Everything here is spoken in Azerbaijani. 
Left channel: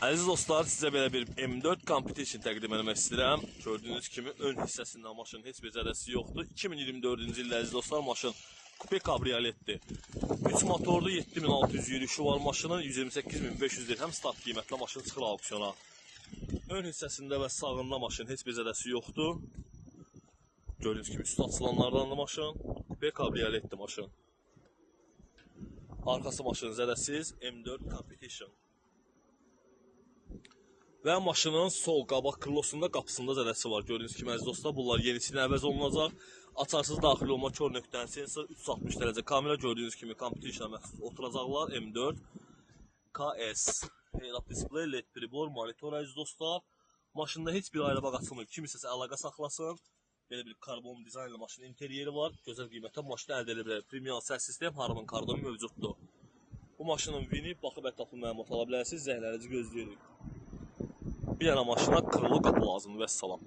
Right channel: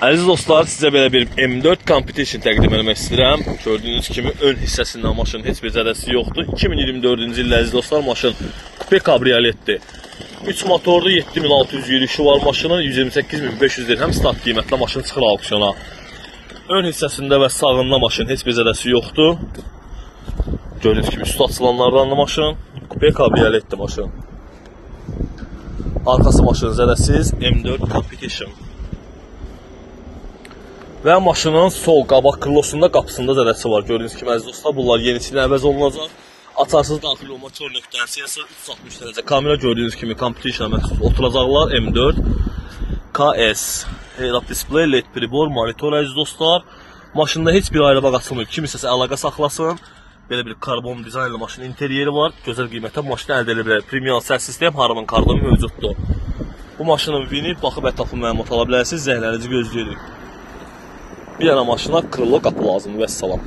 Əziz dostlar, sizə belə bir M4 Competition təqdim etmək istəyirəm. Gördüyünüz kimi ön hissəsindən maşının heç bir zədəsi yoxdur. 2024-cü ildə əziz dostlar, maşın kupe kabrioletdir. 3 motorlu 7600 yürüyüşü var maşının, 128.500 dirhəm start qiymətlə maşın çıxır auksiyona. Ön hissəsində və sağında maşın heç bir zədəsi yoxdur. Gördüyünüz kimi üstü açılanlardan da maşın, kupe kabrioletdir maşın. Arkası maşının zədəsiz M4 Competition. Və maşının sol qabaq krılosunda qapısında zədəsi var. Gördüyünüz kimi əziz dostlar, bunlar yenisilə əvəz olunacaq. Açarsız daxil olma kör nöqtənin sensor 360 dərəcə kamera, gördüyünüz kimi Competition-a məxsus oturacaqlar. M4 KS head-up display, LED pribor, monitor əziz dostlar. Maşında heç bir ayrı bağ açılmır. Kim istəsə əlaqə saxlasın. Belə bir karbon dizaynlı maşının interyeri var. Gözəl qiymətə maşını əldə edə bilər. Premium səs sistem, Harman kardonu mövcuddur. Bu maşının vini baxıb ətraflı məlumat ala bilərsiniz. Zəhlənizi gözləyirik. Bir yana maşına krilo qapı lazımdır. Vəssalam.